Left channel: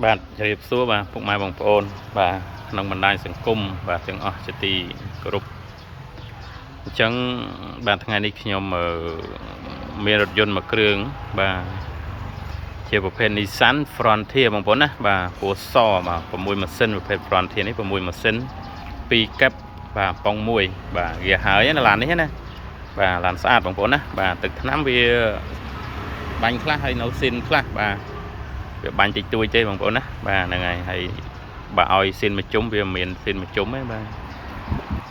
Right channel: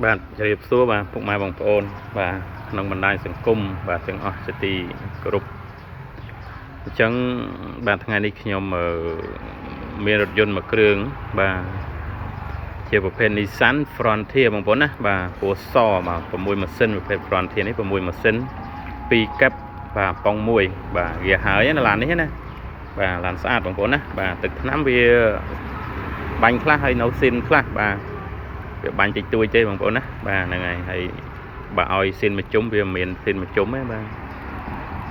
បាទជម្រាបសួរបាទពុកម៉ែបងប្អូនបាទក្នុងបណ្ដាញសង្គមបាទទាំងអស់ជាទីគោរពអញ្ចឹងបាទថ្ងៃនេះខ្ញុំមានរថយន្តមួយគ្រឿងបាទជាប្រភេទ Nissan Frontier បងប្អូនណាបាទពណ៌សបាទ6ម៉ាស៊ីនប្រភេទ Frontier នេះ6ម៉ាស៊ីន2កែបបាទប៉ុង1បាទវាហើយណាឡាននេះណាបាទឡានស្អាតបងប្អូនណាបាទទឹកថ្នាំវាបាញ់ខ្លះហើយនៅស៊ីនខ្លះបាទវាបាញ់តិចតួចទេបងប្អូនណាបាទហ្នឹងហើយបើឲ្យស៊ីនមួយជុំវាមិនមានស៊ីនមួយជុំទេបាទ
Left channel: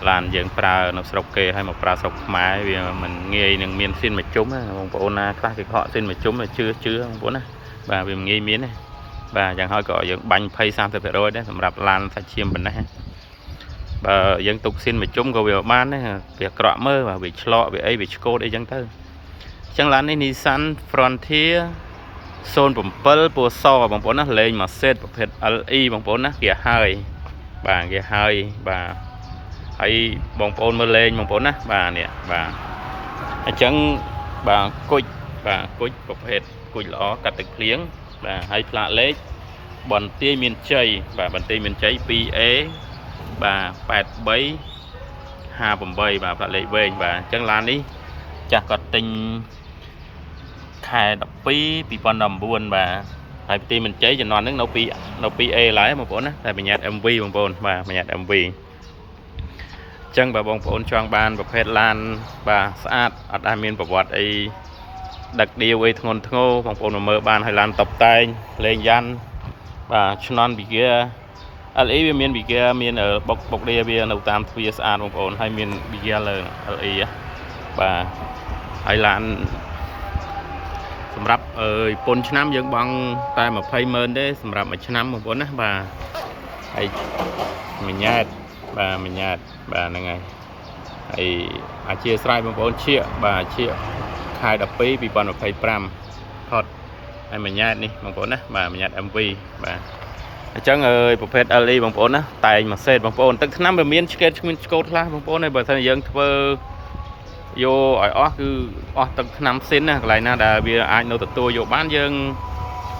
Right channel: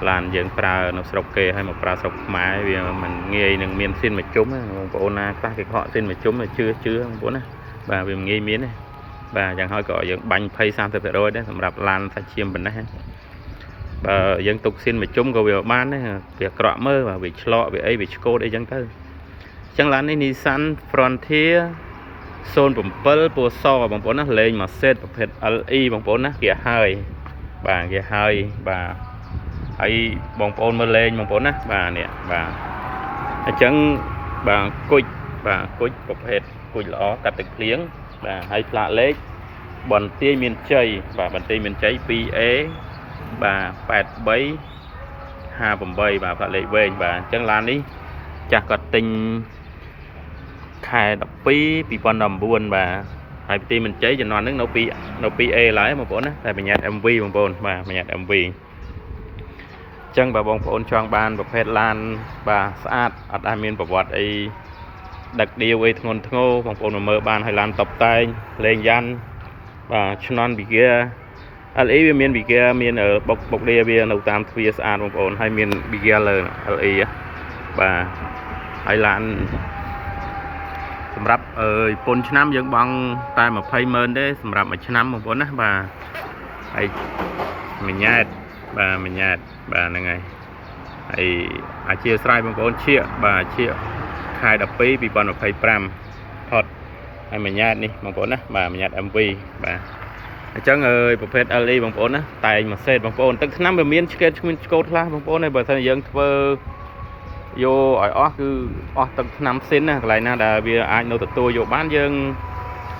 ឡានយើងប្រើនៅស្រុកគេហើយមកប្រើស្រុកខ្មែរវាមិនងាយនឹងមានស៊ីនមួយជុំណាបងប្អូនណាខ្លះគេខកស៊ីនមួយជុំជឿបងប្អូនណាបាទវាមិនងាយមានទេបាទយ៉ាងហើយក៏យើងបាញ់20-30%ដែរសម្រាប់ឡានសាច់ឈាមប៉ុណ្ណេះបើយើងទុកស៊ីនមួយជុំក៏វាបានដែរវាក្រក់មើលបាទវាឆ្លក់វាអីវាឆ្កូតអីចឹងទៅអញ្ចឹងឡាននេះ Nissan Frontier 07ពណ៌សបងប្អូនណាលេងមួយសេតប្រភេទ LE បងប្អូនណាគេហើយបាទគេហើយបាទហើយបងប្អូនមើលលេងបងប្អូនណាបាទនេះបាទអញ្ចឹងបាទគុជបាទគុជប្រភេទគុជល្អកាត់ទឹកភ្លៀងបាទហើយផ្លាកលេខបន្ទាយមានជ័យបាទបន្ទាយមានជ័យ 2A បាទ8358បាទផ្លាកលេខវែងបាទអញ្ចឹងឡាននេះចាស់គាត់ទិញខែ12 2019បាទហើយផ្ទៃមិនជ័យជំនាន់ហ្នឹងនៅ 2A ឡើយបងប្អូនណាតែបញ្ញត្តិ MV បងប្អូនបាទបញ្ញត្តិ MV អញ្ចឹងបើបងប្អូនចង់បានប្រភេទឡានបាទស្អាតអត់ដែលមានប្រវត្តិអីដឹកដៀវអីធ្ងន់ធ្ងរបងប្អូនមកមើលបានហើយឡានតុបតែងលេងយ៉ាន់បាទឆ្នន់វីហ្គា LE វាមានវីហ្គាមានបុកលាវានៅតាមទ្វារស្អាតបងប្អូនហើយមានវីហ្គាលើ LE បាទហើយឡានសម្រាប់ពន្ធឆ្នាំយើងបង់តែ200000ទេសម្រាប់មួយឆ្នាំបងប្អូនណាបាទហើយមួយញ៉ែតបាទមួយញ៉ែតបាទហ្នឹងហើយហើយអធិស្ឋានបងប្អូនឈៀកបាទឈៀកខែ12 2025ថតហើយមួយញ៉ែតនេះបងប្អូនណាបាទមួយញ៉ែត MV បាទអញ្ចឹងប្រភេទ LE បងប្អូនណាតែងមួយសេតបងប្អូនទឹកថ្នាំវាមានឆ្កេតគ្មានឆ្កូតខ្លះបងប្អូនហើយបើថាយើងធ្វើយកឲ្យអស់គឺអស់ទឹកថ្នាំស៊ីនណាកន្លែងណាដែលវាអាចនៅទទួលយកបានយើង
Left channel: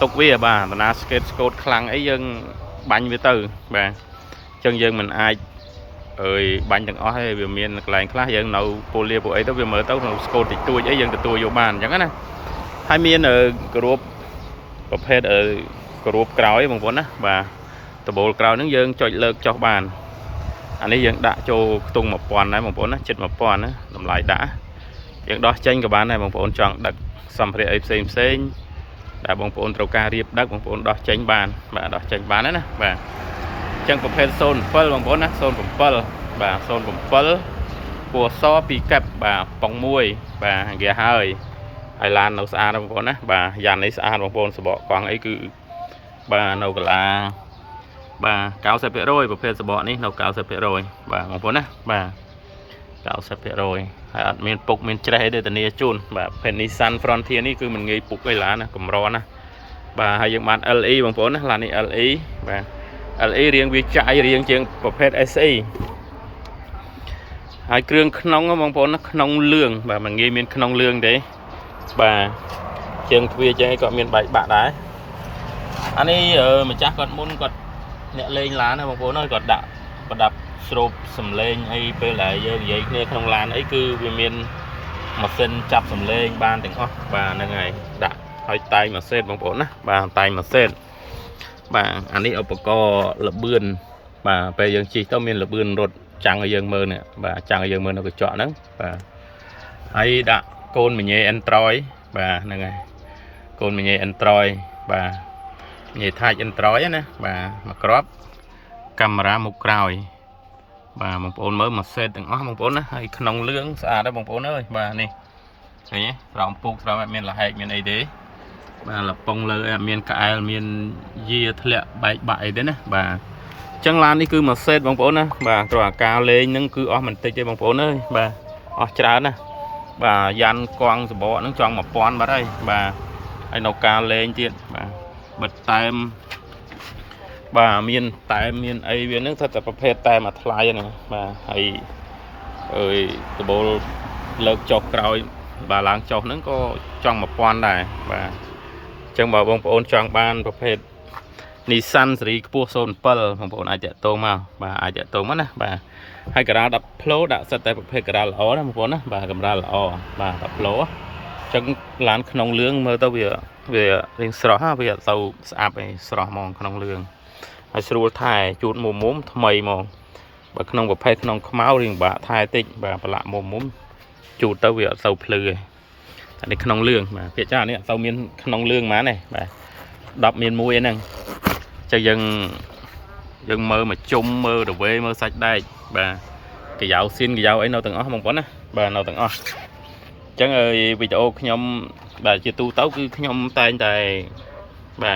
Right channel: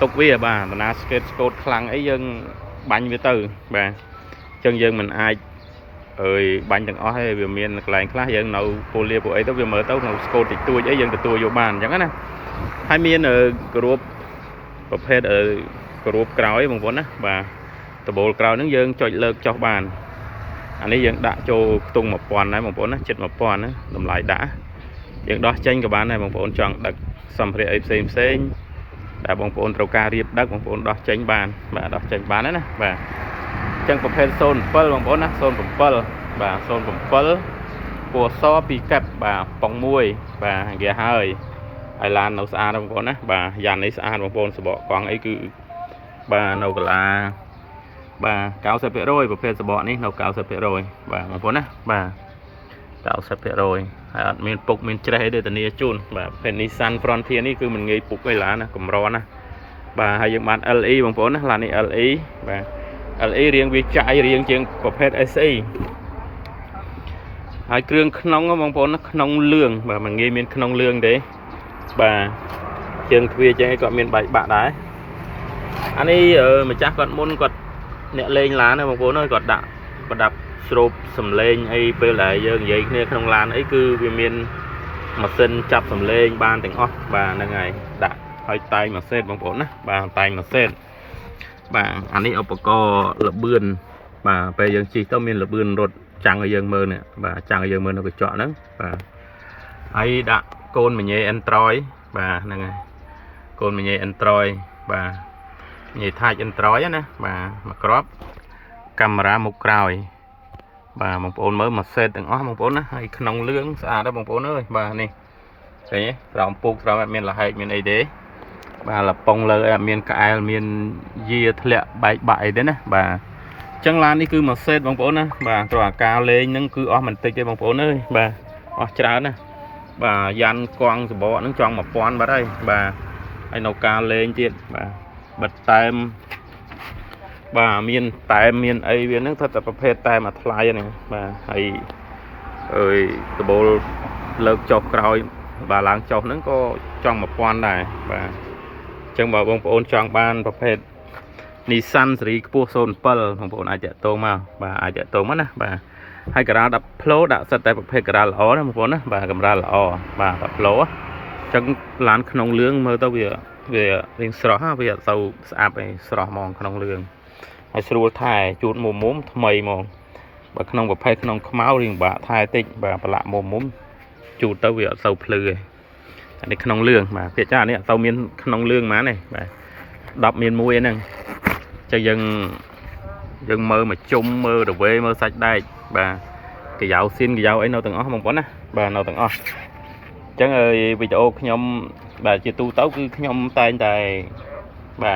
ទុកវាបាទតាណាស្កេតស្កូតខ្លាំងអីយើងបាញ់វាទៅបាទអញ្ចឹងយើងមិនអាចបាញ់ទាំងអស់ទេវាមានកន្លែងខ្លះយើងនៅពូលាពូអីទៅវាមើលទៅនៅស្កូតតិចតួចអីយើងទទួលយកបានអញ្ចឹងណាហើយមានគ្រួបប្រភេទគ្រួបក្រោយបងប្អូនណាបាទដបូលក្រោយហ្នឹងយើងចុចលើកចុះបានអានេះយើងដាក់ចូលខ្ទង់1000ដែរបងប្អូនណាចិត្ត1000ណាតម្លៃដាក់យើងដោះចេញក៏បានដែរបងប្អូនចង់ដឹកសម្ភារៈអីផ្សេងដែលបងប្អូនត្រូវការរៀបដឹកបងប្អូនដោះចេញបានបាទដោះចេញបានណាបាទអញ្ចឹងប្រភេទ07បងប្អូនណា07បាទ07ពណ៌ស2កែបបាទប៉ុង1បាទគេហើយឡាននៅស្អាតបងប្អូនណាបាទយ៉ាន់នេះស្អាតបងប្អូនសបកកង់អីគឺបាទនៅកន្លាបាទ90% ប្រភេទសបកនេះនៅ90%បាទបងប្អូនណាបាទ90% ហើយអត់មានពុកមានច្រេះទេធានាជូនបាទប្រភេទ Nissan Frontier នេះគឺមិនងាយពុកឯឡានណាកម្រណាបាទហើយយើងបាន LE បងប្អូនណាឡាននេះ LE បាទ LE រៀងវាចាយរៀងជាងប្រភេទ SE ហើយគ្រឿងក្នុងបងប្អូនណាក្នុងលឿងបាទមិនងាយមានក្នុងលឿងទេបាទជើងទ្វារចឹងឯងគាត់មានបែកបាក់ដែរអានេះម្ចាស់គាត់មុនគាត់អ្នកលេងឡានណាបងប្អូនអើយគាត់ដាក់ប្រដាប់ស្រូបសំឡេងអីពេលដែលយើងនិយាយគ្នាក្នុងឡានអីគឺវាមានម៉ាស៊ីនចាប់សំឡេងបានទាំងអស់បាទហ្នឹងហើយដាក់ឲ្យតែងមួយសេតបងប្អូនណាបាទតែងមួយសេតបាទអានេះឧបករណ៍លបឿនបាទពេលយើងជិះទៅមានលបឿនរត់ចាំងឲ្យយើងមើលនេះបាទចាំងឲ្យយើងមើលនៅកញ្ចក់ហ្នឹងបាទហើយដាក់កូនមញ៉េ Android បាទហ្នឹងហើយកូនមញ៉េ Android បាទញ៉េ Touch Android ណាបាទមកគ្រាប់កាមេរ៉ាមុខក្រោយបាទបងប្អូនមើលមួយសេតទាំងអស់បងប្អូនណាហើយក្នុងលឿងស្អាតដែរបងប្អូនអើយបាទនេះឃើញទេស្រោមពូកស្រោមអត់មានលហែកមានអីទេបាទលប៉ុងលើអត់មានក្អែលមានយាធ្លាក់បែកបាក់អីទេណាបាទអញ្ចឹងឡាននេះគឺមួយសេតបងប្អូនណាបាទគ្រាន់តែការលេងហ្នឹងគឺអស់មិនតិចទេបងប្អូនអើយបាទអស់ច្រើនណាបាទយ៉ាន់កង់សបកហ្នឹងចង់1000បាត់ហើយបាទហើយនៅការលេងទៀតបាទបិទតែមបាទមានតែមានអីវាហ្នឹងថាតែប្រភេទតែមួយថ្លៃហ្នឹងបាទហើយដបូលលើកចុះក្រោយបាទឡើងចុះហ្នឹងក៏ចង់1000ដែរបាទអញ្ចឹងបើបងប្អូនចង់បានប្រភេទ Nissan សេរីខ្ពស់07បងប្អូនអាចតាក់ទងមកបាទអាចតាក់ទងមកណាបាទហើយការ៉ា10 Pro ដាក់សិតតែប្រភេទការ៉ាល្អណាបងប្អូនណាបាទកម្រាលល្អបាទ10 Pro អញ្ចឹងឡានក្នុងលឿងមើលទៅវារៀងស្រស់វាអត់ទៅស្អាប់ឯងស្រស់ហ្មងក្នុងលឿងហើយស្រួលថែជូតមុំថ្មីហ្មងបើក្នុងប្រភេទក្នុងខ្មៅរៀងបាក់ថែតិចបាទប្រឡាក់មុំជូតទៅវាអត់ទៅភ្លឺឯងតែនេះក្នុងលឿងបាទភាគច្រើននេះអត់ទៅមានក្នុងលឿងហ្មងទេបាទ10មាន1ហ្នឹងចឹងយើងមើលមកជុំមើលទៅវេមើលសាច់ដែកបាទកាយ៉ាវស៊ីនកាយ៉ាវអីនៅទាំងអស់បងប្អូនណាបាទនៅទាំងអស់អញ្ចឹងវីដេអូខ្ញុំបាទជាទូទៅគឺខ្ញុំតែងតែបា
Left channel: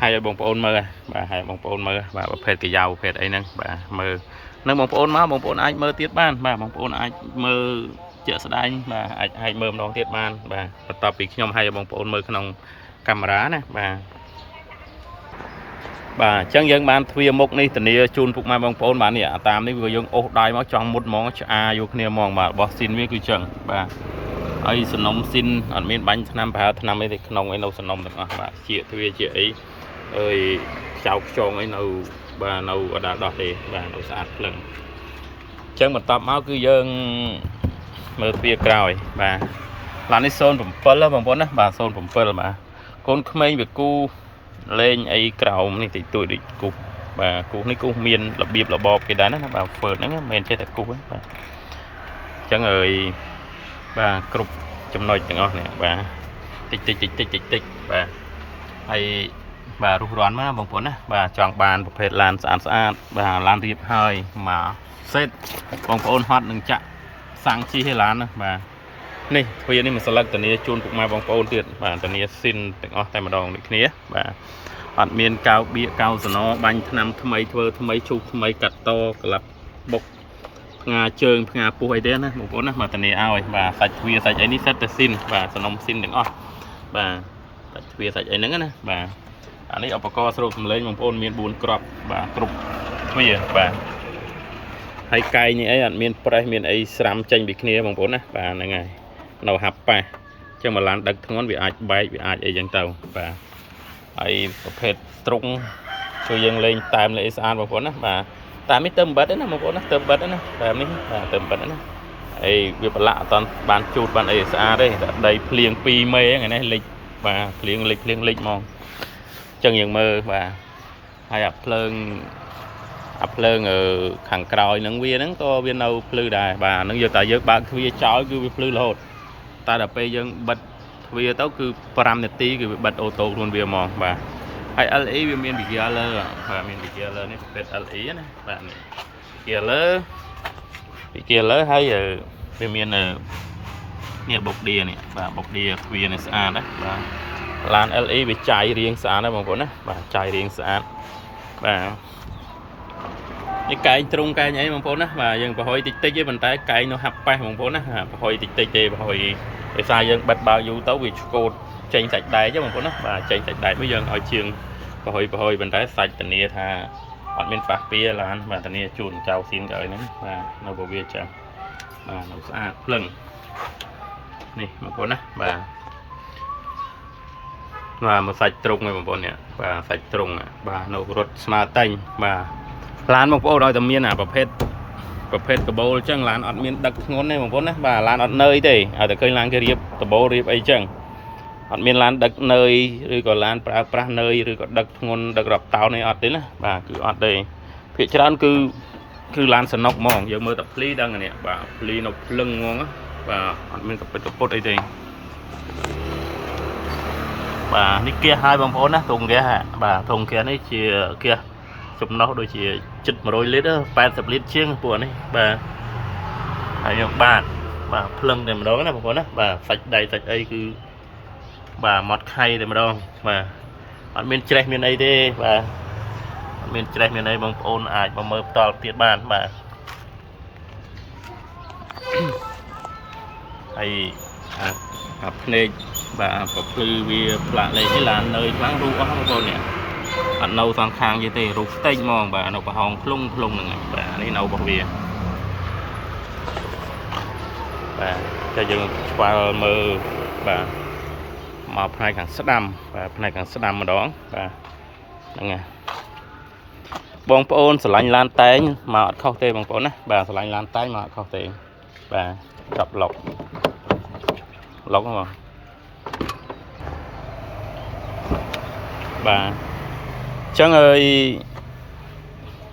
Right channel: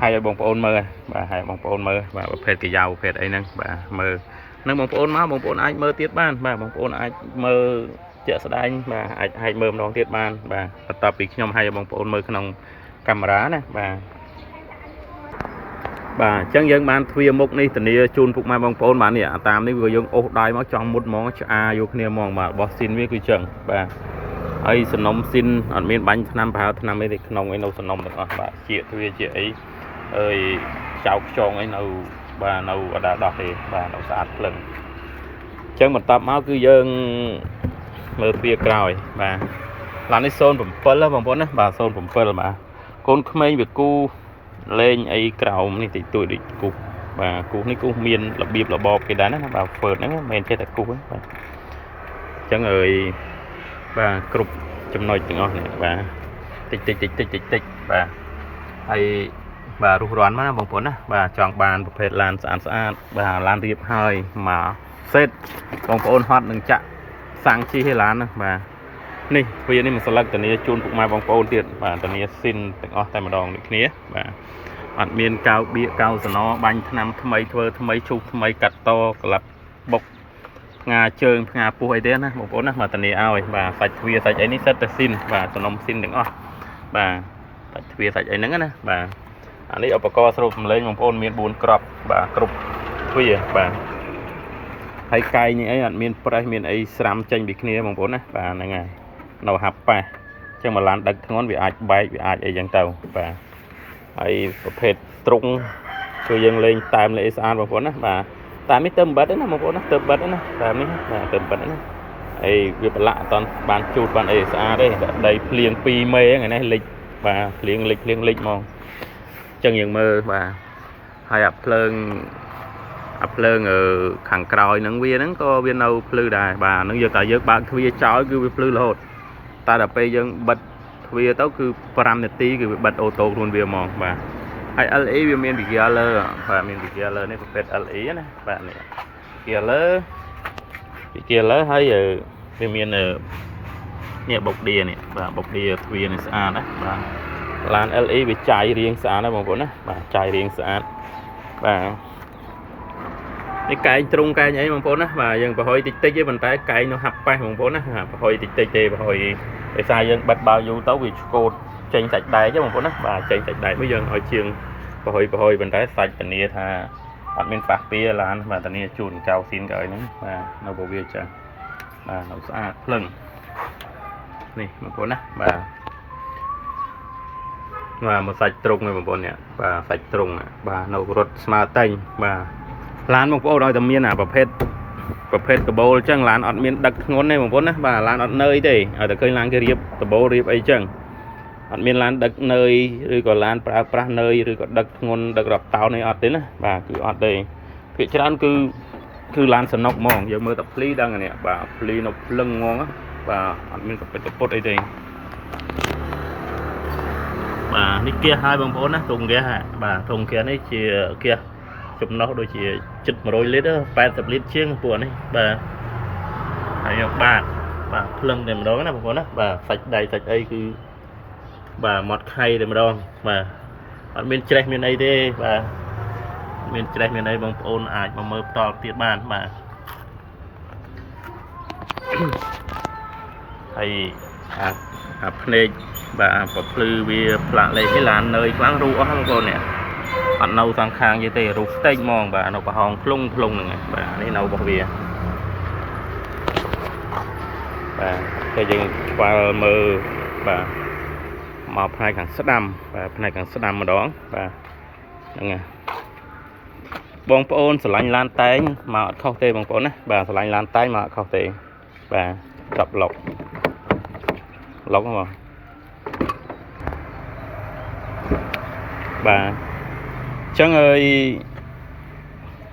ទឲ្យបងប្អូនមើលបាទឲ្យបងប្អូនមើលបាទប្រភេទកាយ៉ាវប្រភេទអីហ្នឹងបាទមើលនឹងបងប្អូនមកបងប្អូនអាចមើលទៀតបានបាទបងប្អូនអាចមើលជាក់ស្ដែងបាទអាចមើលម្ដងទៀតបានបាទបន្ទាប់ពីខ្ញុំឲ្យបងប្អូនមើលក្នុងកាមេរ៉ាណាបាទបាទអញ្ចឹងយើងបានទ្វារមុខនេះធានាជូនពុកម៉ែបងប្អូនបាទនេះតាមនេះវាយើងអូសដៃមកចង់មុតហ្មងឆ្អាយកគ្នាហ្មងបាទរបស់ស៊ីនវាគឺអញ្ចឹងបាទហើយសំណុំស៊ីនអត់មានបាញ់ថ្នាំប្រហើថ្នាំអីទេក្នុងឯនៅសំណុំទាំងអស់បាទជាទ្វារជាអីចៅខ្យងអីនៅបាទនៅអដាដោះទេបាទនៅស្អាតភ្លឹងអញ្ចឹងបន្ទាប់មកគឺយើងមើលទ្វារក្រោយបាទឡាននេះ07បងប្អូនណាបាទ07បាទកូនក្មេងវាគូលេងអីក្រោមនេះតិចតួចដូចគូបាទគូនេះគូមានរបៀបរបបគេដែរណាបាទហ្វឺតហ្នឹងមិនមែនចេះតែគូហ្នឹងបាទអញ្ចឹងបាទគ្រប់ចំណុចទាំងអស់នេះបាទតិចបាទហើយបាទរុះរាន់មកណាបងប្អូនណាបាទចង់បានប្រភេទឡានស្អាតបាទឡានរៀបហើយមកសេតបងប្អូនហត់នឹងចាក់សាំងជីឲ្យឡានណាបាទនេះទ្វារនេះមួយស្លឹកធានាជូនពុកម៉ែបងប្អូនទៀតបាទធានាស៊ីនទាំងអស់តែម្ដងដូចគ្នាបាទអត់មានកៅបៀកកៅសណបាញ់ថ្នាំថ្មីធ្វើថ្មីឈូសថ្មីកាត់តក្លាប់បុកផ្ងាជើងផ្ងាពោះអីទេណាបងប្អូនណាមកធានាឲ្យបាទសាច់ទ្វារសាច់អីនេះសិតតែស៊ីនបាទសំណុំស៊ីនទាំងអស់បាទសាច់ទ្វារសាច់អីហ្នឹងណាបាទអានេះឧបករណ៍ស្រូបសម្លេងបងប្អូនមាន4គ្រាប់បាទគ្រប់ទ្វារបាទហើយកែងនេះអីអត់មានប្រេះមានអីស្រាំចេញពីគ្នាបងប្អូនណាបាទហ្នឹងហើយនៅហាប់ប៉ះអញ្ចឹងមកឡានដឹកធ្ងន់វាអាចបែកវាអាចអីចឹងទៅបាទហើយប្រភេទទ្រុងគឺយើងលេងតែមលេស្អាតបងប្អូនណាបាទតាមនេះទៅបិទណាបងប្អូនណាទៅបិទណាតាមនេះបាទទៅបិទណាហើយវាប្រឡាក់អត់តាន់បានជូតបានអីស្អាតទេដីភ្លៀង2មេថ្ងៃនេះលិចបាទភ្លៀងលិចហ្មងអញ្ចឹងយើងមើលបាទហើយអាភ្លើងខាងក្រោយហ្នឹងវាហ្នឹងក៏វានៅភ្លឺដែរបាទហ្នឹងយើងតែយើងបើកទ្វារចោលគឺវាភ្លឺរហូតតែដល់ពេលយើងបិទទ្វារទៅគឺ5នាទីគឺវាបិទអូតូខ្លួនវាហ្មងបាទហើយ LE វាមាន Vigiler បាទមាន Vigiler នេះប្រភេទ LE ណាបាទនេះ Vigiler ហើយវាមាននេះបុកឌីនេះបាទបុកឌីទ្វារនេះស្អាតណាបាទឡាន LE វាចាយរៀងស្អាតណាបងប្អូនណាបាទចាយរៀងស្អាតបាទនេះកែងទ្រុងកែងអីបងប្អូនណាបាទយើងប្រហុយតិចទេប៉ុន្តែកែងនៅហាប់ប៉េះបងប្អូនណាប្រហុយតិចទេប្រហុយដោយសារយើងបិទបើយូរទៅវាឆ្កូតចេញសាច់ដែកបងប្អូនណាបាទចេញសាច់ដែកមកយើងឲ្យជាងប្រហុយប៉ុន្តែសាច់ធានាថាអត់មានប៉ះពាល់ឡានបាទធានាជូនកៅស៊ីនកៅអីហ្នឹងបាទនៅពវាចាស់បាទនៅស្អាតភ្លឹងនេះបងប្អូនណាបាទមកសាច់ទ្រុងឯងបងប្អូននេះបាទសាច់ទ្រុងបាទនៅរត់ស្មើតែងបាទឡានបងប្អូនឲ្យតែមានអាប្រភេទកបូលអញ្ចឹងឡានអត់មានដឹកធ្ងន់ទេបងប្អូនណាបាទឡានអត់នើយទេឲ្យតែឃើញឡានគេរៀបកបូលរៀបអីអញ្ចឹងអត់មានឡានដឹកនើយឬក៏ឡានប្រើប្រាស់នើយឬក៏ដឹកធ្ងន់ដឹករាប់តោនអីអត់ទេណាបាទគឺអត់ទេភាគច្រើនគឺឡានសនុកហ្មងយើងមើលតែភ្លីដឹងនេះបាទភ្លីនៅភ្លឹងហ្មងបាទអត់មានកពុតអីទេបាទនេះគះហើយបងប្អូនណាធុងគះបាទធុងគះនេះជាគះចំណុះដូចជាជិត100លីត្រ80លីត្រជាងពួកនេះបាទហើយយកបាទភ្លឹងតែម្ដងណាបងប្អូនណាបាទសាច់ដៃសាច់អីគឺបាទមាត់ខៃតែម្ដងបាទអត់មានច្រេះមានអីទេបាទអត់មានច្រេះមានអីបងប្អូនអាចមកមើលបន្តទៀតបានបាទហើយអាភ្នែកបាទប្រភ្លឺវាផ្លាកលេខនេះឡាននើយខ្លាំងរូអស់បងប្អូននេះអត់នៅសងខាងទេរូផ្ទៃហ្មងបាទនៅប្រហោងខ្លុងហ្នឹងហើយបាទនេះនៅរបស់វាបាទតែយើងស្គាល់មើលបាទមកផ្នែកខាងស្ដាំបាទផ្នែកខាងស្ដាំម្ដងបាទ nghe bông ôn sờ lạnh lan tay mà không tê bông ôn á bà sờ lạnh lan tay mà không tê bà chọc lọc lọc không bà chẳng ơi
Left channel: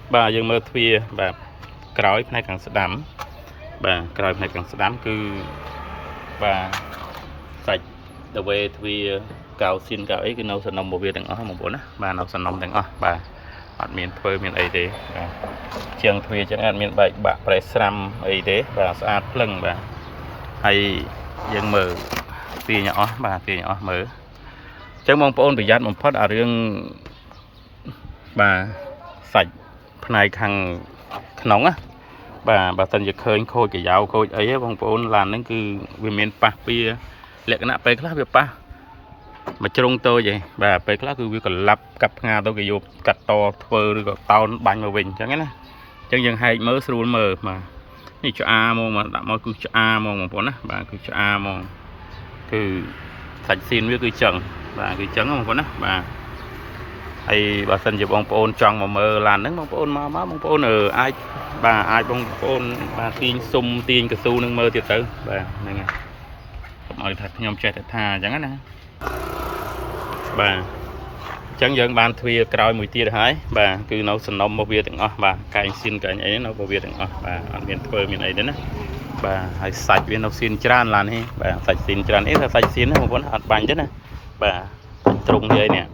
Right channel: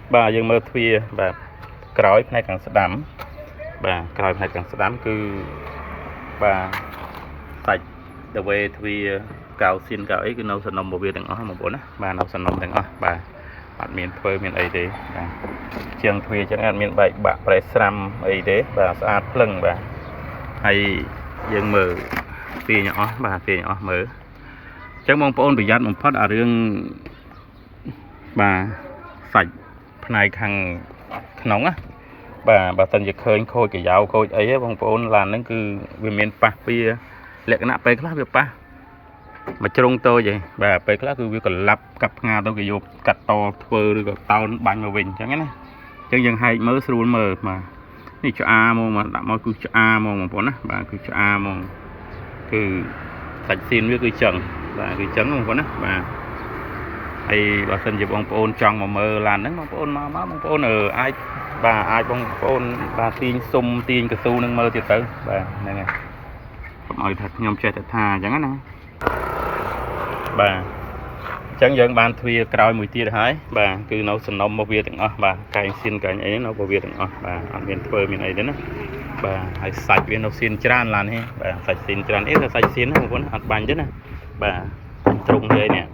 bà dừng mơ thuê bà cõi này càng đắm bà cõi này càng đắm cứ bà sạch đầu về thuê cào xin cào ấy cái nấu sản nông một việc đừng ở một bốn á bà nấu sản nông đừng ở bà ăn miền thuê miền ấy đấy trường thuê chẳng ăn miền bảy bạc phải xăm ấy đấy bà sát lưng bà hay dừng mở tì nhỏ bà tì nhỏ mở chẳng mong ôn bị giặt một phát ở riêng bà sạch này thằng nóng á bà tân dịch khơi khôi cái dạo khôi ấy mong ôn làm nó cứ vì miền bắc bia lệ cái nạp pe khác việc pa mà trong tôi vậy bà pe khác cứ việc còn lắp cặp nga tôi cái vô cắt to phơ rồi tao bánh mà bình chẳng ấy chẳng dừng hay mới sưu mờ màนี่cho a mong mà đã mong cứ cho a mong mà bà cứ cho a mong cứ sạch xin với cứ chừng bà cứ chấn mong bà hay bà xin chụp bông ôn trong mà mờ làn nắng bông ôn mà bông ôn ở ai bà ai bông ôn bà tiên sum tiên cà su nâng mơ tiệt tử bà này nghe mọi thật nhom chơi thật thà chẳng á bà chẳng dẫn ban thuê cày mùi tia hái bà cứ nấu sườn nông một việc đừng bà cày xin cày ấy nấu một việc đừng bà ăn miền phơi miền ấy đến á bà hay sạch viên nấu xin tràn làn he bà sạch xin tràn ít là sạch xin không có hạt bánh chứ này bà trùng vậy nè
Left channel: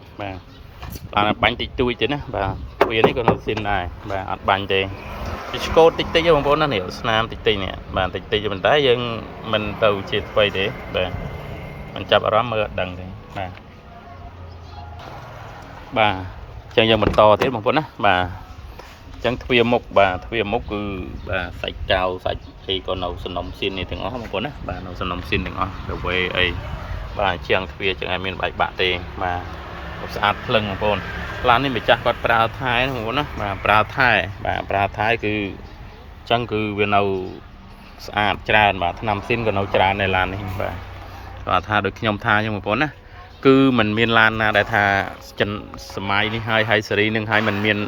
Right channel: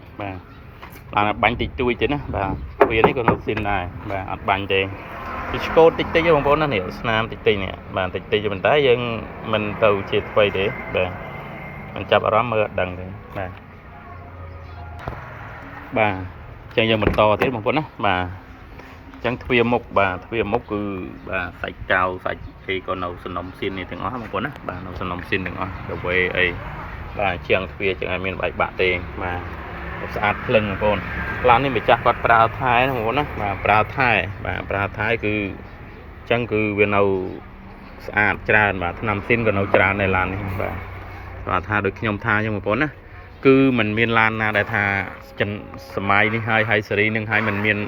bà bánh tịch tui chứ nè bà viên ấy còn nấu xin này bà hạt bánh thì cô tịch tịch cho bông nó hiểu nam tịch tịch nè bà tịch tịch cho mình thấy dân mình cầu triệt quay để bà mình chập ở đó mưa đằng thì bà chẳng giờ mình to thế một con á bà chẳng thuê mốc bà thuê mốc cứ bà sạch cao sạch thì còn nấu sườn nông xin này từng ngó một con á bà nấu sườn nông xin từng ngó đầu về ấy bà chẳng thuê chẳng ai miền bảy bạ tiền mà một sát lưng một con lán này mình chặt bát prao thái một con á bà prao thái cứ chẳng cứ về nấu sát tràn bà nằm xin còn nấu tràn này lán này bà tha được nhom tha cho một con á cứ mình miền lan đại thà chân smile đi hai seri nâng hai mình miền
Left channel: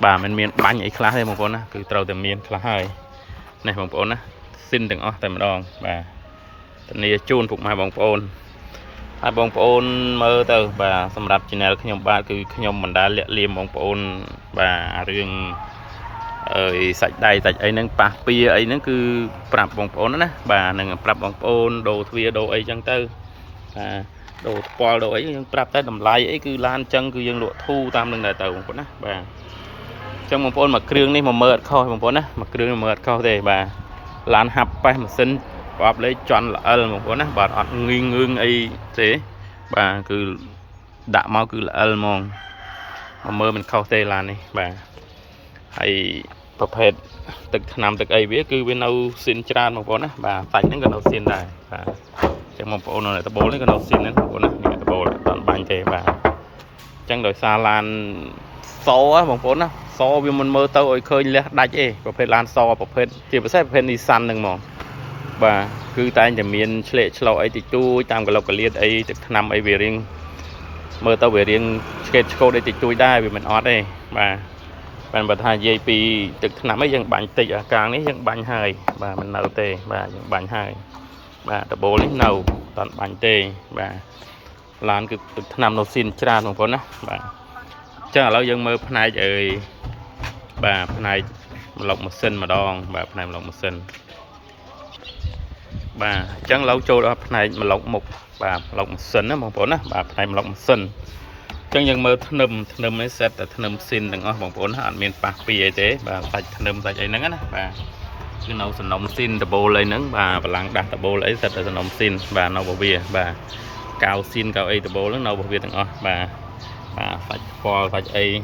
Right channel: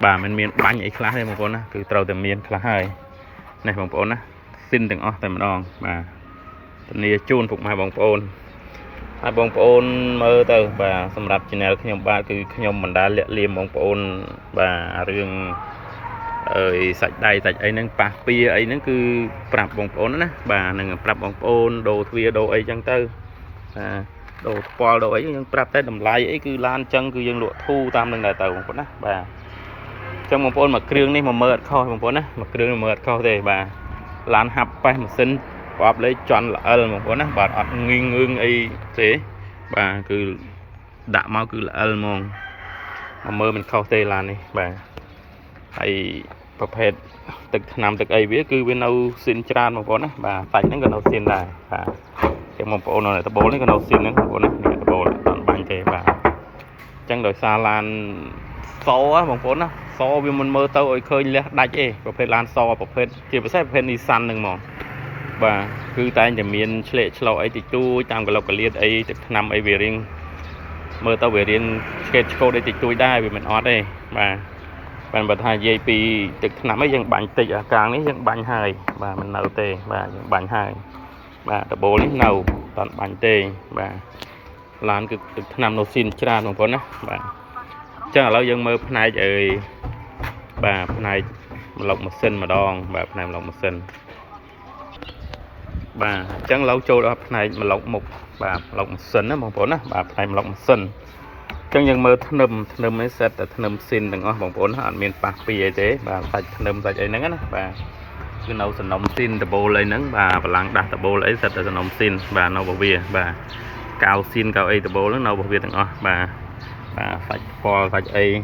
bà mình miền bánh ấy khá hơn một con á cứ trâu từ miền khá hơi này một con á xin đừng ở tại một đòn bà này chôn phục hai bông ôn mơ từ bà sầm rạp trên này nhom ba cứ nhom mình đã liệm bông ôn bà riêng sạch đầy sạch ấy nâng bạc bia ấy nó cứ prap bông ôn đó bà nâng prap bông ôn đồ thuê đồ ấy chẳng tư đồ pol đồ ấy nhưng prap tới đầm lai ấy cứ lan chân cứ dân lụa thu tam đằng đại tàu một bà trong một con mà kêu này mà mượt khâu một con á mà kêu mà mượt khâu thì bà lan hấp bay mà xin bóp lấy chọn là một con á bà ọt ngưng ấy thế bà cứ đã mau cứ là mong mà mơ mình khâu tê lan này bà hay tập hết từng năm từng ấy biết cứ bên đâu xin tràn một con á bà tay nó gần đâu xin này bà trong một bộ này tập bố lấy cái đầu xin đến bộ này tập bố toàn bánh thế bà chẳng đổi xa lan so á một bộ nó so vì mình mơ tao khơi lẽ đạch ấy có phải lan so có phải thì phải sẽ phải đi săn đừng mong bà cứ tay nhà miền lệ chlo ấy thì tôi tam cái lộc cái liệt ấy năm ấy về riêng mơ tao về riêng cái cô đây thì tôi đai vì mình ót đây bà bạn bật hai dây pi từ năm ấy dân bánh tịch ở càng ấy dân bánh hai bà mình nấu tê bà dân bánh hai bà tập bố lấy nấu toàn bánh tê bà làm cứ nằm nấu xin tràn một con á bà chắc là lâu dân mơ này rồi bà này lọc một sinh mà đòn bà này lọc một sinh bà chẳng lâu trôi đó này mà lọc một bà lọc một sinh á một con á bà này lọc một sinh chẳng dân mơ thơm ấy sẽ thơm xin đừng có một con ăn miền bạc bì thế bà sạch thơm sạch ấy nắng á bà cái nấu sườn nông xin tập bồ lấy nắng bà và lăng đặt tập bồ lấy sạch sườn nông xin bà nấu bò bia bà cao xin cao ấy tập bồ lớn nấu bò bia từng bà phải bò phải ấy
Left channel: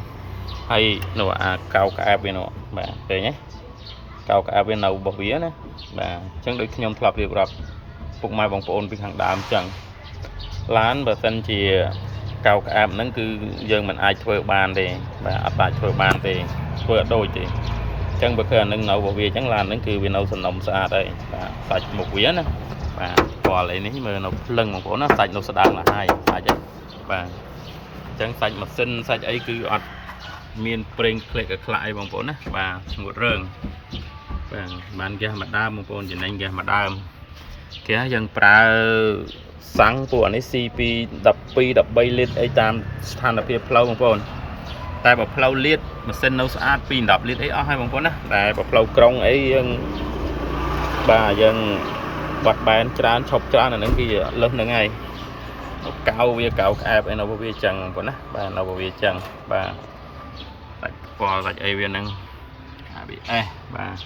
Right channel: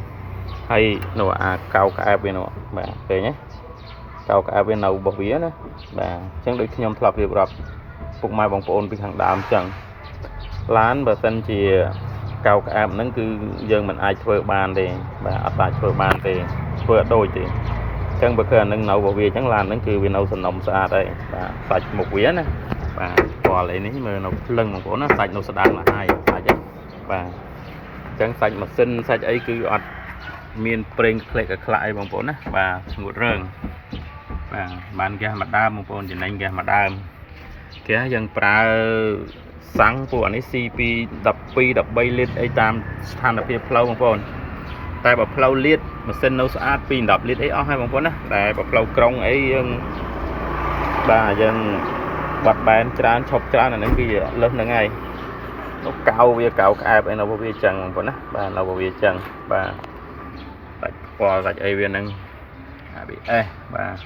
hay nấu cao cả bên nọ bà về nhé cao cả bên nấu bò bia nữa bà chẳng được nhom thọp điệp rập phục mai bông ôn bị hàng đàm chẳng lán bà sân chỉ cao cả nó cứ dân mình ai chơi bàn thì bà ai chơi bàn thì chơi đôi thì chẳng bữa giờ nâng nấu bò bia chẳng làm nâng cứ vì nấu sườn nông xa đây và sạch một vía nè và bò lại nếu mà nấu lưng một bữa nó sạch nấu sạch là hai sạch chứ và chẳng sạch mà xin sạch ấy cứ ọt miền preng kệ cả lại bằng bốn á bà một rừng bà bàn kia mặt đam một bốn chỉ anh kia mặt đam kia dân pra sáng của anh CP đập bay lên ấy tam than đập phía plau bằng bốn tại bảo plau liệt mà xin nấu sát pin đập liệt ấy hai bằng bốn á tại bảo plau krong ấy bà dân bật bàn tràn chọc tràn là những cái lớn là ngay nó cao ai bên nó bia chẳng còn á bà nó bia chẳng bà bò gạch ai viên năng bị bà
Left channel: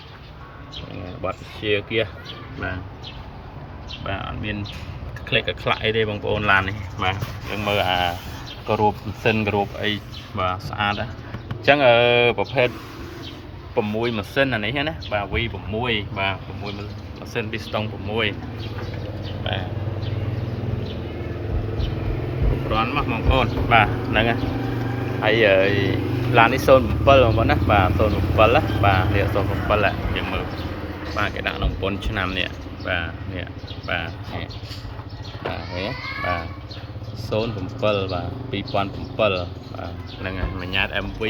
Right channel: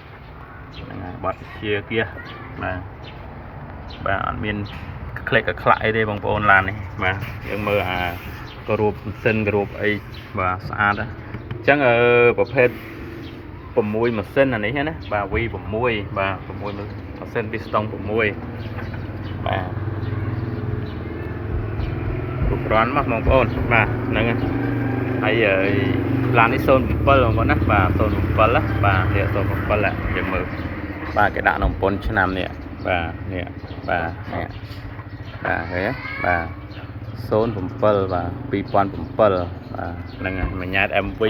bật chia kia bà ăn miên click cái lại đây bằng bồn làn này mà nhưng mơ có rùa sinh rùa ấy và xa đó chẳng ở bộ phép bầm môi mà sinh là này hết á bà vi bầm môi mà sinh piston bầm môi bà đoán mắc mong ôn bà nè bây giờ làm cái sơn bờ mà nó bà sơn bờ lá bà địa sơn bờ lại những mực bà cái đạn nòng pôn cho nam nè bà nè bà thế bà sơn bờ bà pi pon bờ bà nè mình nhát MV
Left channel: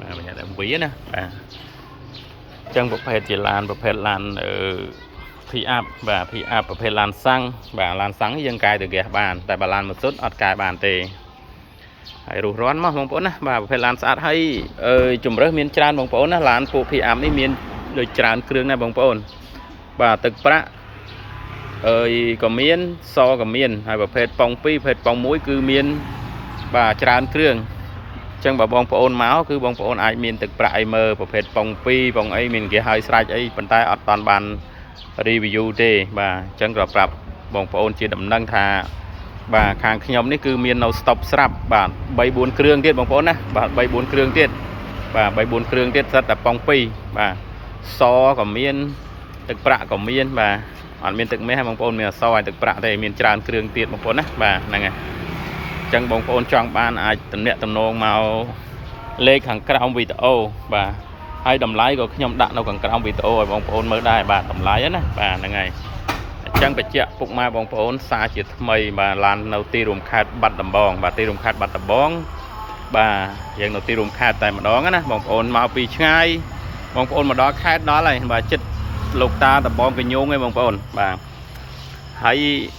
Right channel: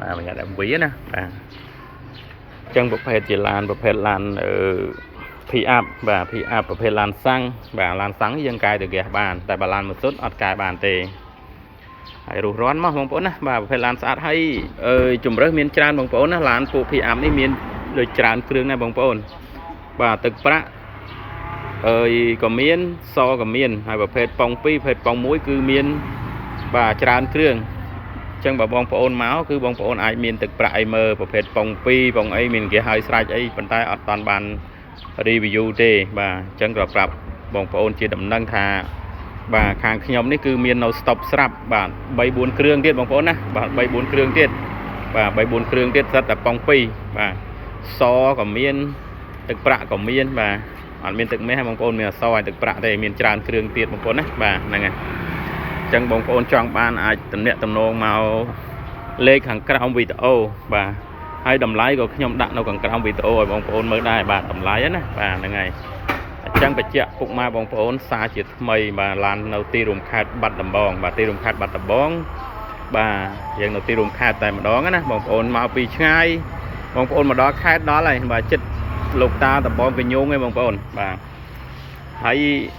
bà mình nhát MV nè bà chân bộ phê chỉ làm bộ phê làm phi áp và phi ápประเภท làn xăng và làn xăngยังกายtừ kẻ bàn tại bà làn một số ọtกายbàn tề hay rủร้อนมากมองปนนะbàประเภท làn สะอาดให้จุ่มเริ่มมีจานมองปนนะ làn ปูพีอาร์มนี่มีโดยจานเครื่องในมองปนbà ตึกประก็มีซอก็มีให้ประเภทปองปีประเภทปองมุ้ยคือมีbà จานเครื่องจังบ่บองปนเมาส์คือบองปนไอมีตึกประไอเมอร์ประเภทปองปีปองไอมีเกี่ยไฮสไลด์ไอปันใต้อดตอนบานรีวิวเด้bàจังกระปรับบองปนจีดำนังทาbà ខាងខ្ញុំនេះគឺមាននៅ stop ស្រាប់បាទ3 4គ្រឿងទៀតបងប្អូនណាបាទ3 4គ្រឿងទៀតបាទ3 4គ្រឿងទៀតសិតតែប៉ង2បាទសក៏មានទឹកប្រាក់ក៏មានបាទអត់មានទឹកមាសបងប្អូនមានអសឲ្យទឹកប្រាក់ទេមានច្រើនគ្រឿងទៀតបងប្អូនណាបាទហ្នឹងហើយអញ្ចឹងបងប្អូនចង់បានអាចតំណាក់តំណងមកលេខខាងក្រោមវីដេអូបាទហើយតម្លៃក៏ខ្ញុំដាក់នៅខាងក្រោមវីដេអូឲ្យបងប្អូនមើលដែរបាទតម្លៃណាបាទហ្នឹងហើយchẳng phải chẹt phục mai bong phốn xa chỉ mây mà lan đầu tiên rùm khai bắt đầm bong và tiên rùm khai bắt đầm bong bà hiện đầu tiên rùm khai tại mà đó á bong phốn mau bị ngay bong phốn mà đó khai đó này bà chết lục ta đầm bong cái nhung ấy bong phốn bà hãy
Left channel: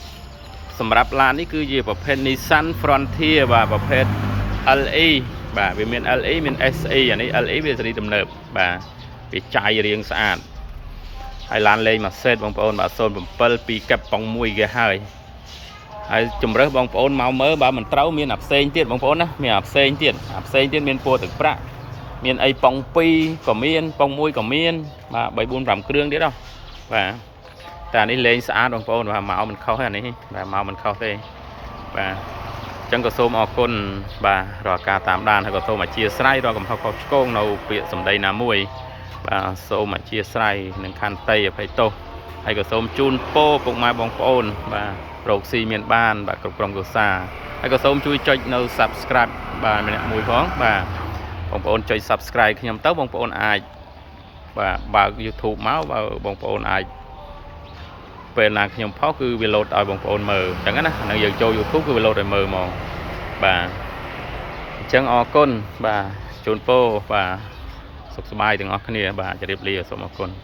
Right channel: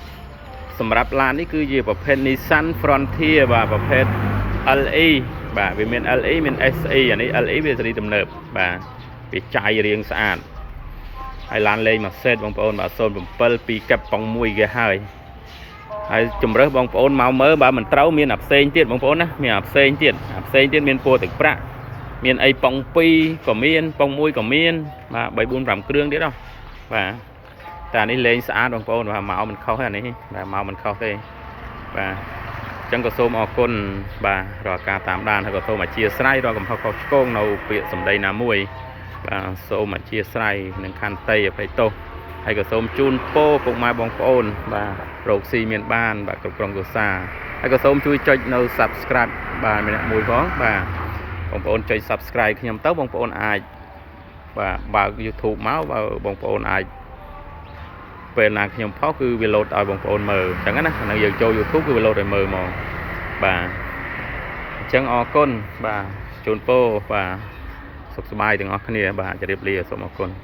sầm rạp lan ấy cứ gì bảo pen Nissan Frontier và bảo pen LE bà vì miền LE miền SE này LE bây giờ đi tầm nợp bà bị chạy riêng sạn hay lan lên mà xét bong bồn mà sơn bầm pel pi cặp bong mui ghê hơi hay chùm rớt bong bồn màu mớ bà mình trâu miền áp sen tiết bong bồn á miền áp sen tiết miền po thực pra miền ai bong pi có miền bong mui có miền mà 3-4 rằm krương đấy đâu và ta đi lên xã bong bồn và màu mình khâu hay này và màu mình khâu đây và chân có xôm ở côn và rồi cả 8 đàn hay có xôm mà chia sải rồi còn họ có nâu việc sầm đây là mui và số mà chia sẻ nâng khăn tây phải tô hay có số chun po cùng mai bong phôn và proxy miền ban và cực trong xa hay có số chui cho nâu subscribe và mình mùi phóng và bong phôn chơi subscribe thì nhầm tớ bong phôn ai và vào YouTube máu vào bong phôn ai về là nhầm phó cứ video ở bong phôn mờ chẳng hạn là giờ cho YouTube cứ video rồi mờ mòn và chân o côn và chun po vàสบายถึงออกนี่บ่าจะเรียบเรียบสมบูรณ์